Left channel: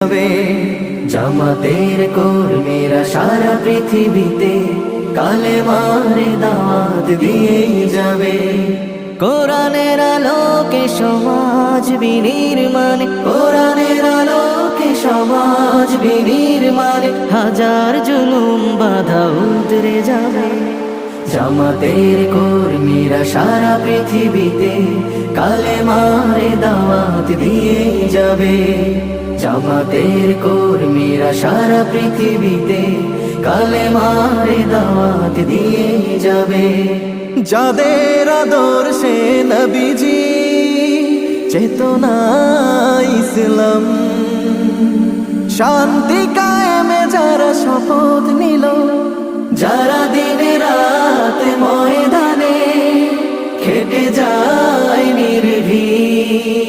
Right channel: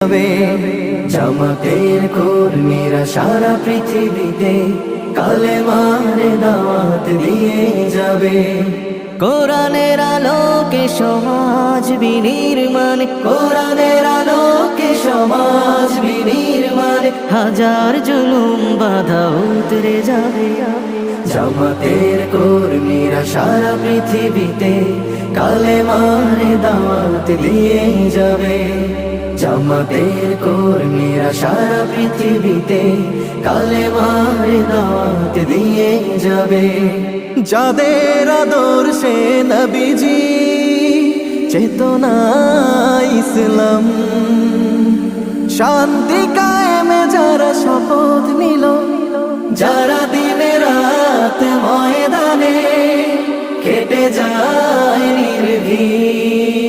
যাবে জামাতের কর্মীরা সারা পৃথিবীতে কালেমার দাওয়াত দিয়ে যাবে। কোরআনের আলোকে সমাজ বিনির্মাণ, কোরআনের আলোকে সমাজ বিনির্মাণ, হাজার জুলুম বাধা উতরে যাবে। জামাতের কর্মীরা সারা পৃথিবীতে কালেমার দাওয়াত দিয়ে যাবে। জামাতের কর্মীরা সারা পৃথিবীতে কালেমার দাওয়াত দিয়ে যাবে। যাদের আদর্শে নবীজি চেতনা ইসলাম, শান্তি কায়েমে যারা শপথ নিল, যারা দিনে রাত ময়দানে খেটে যায় নির্ভীক,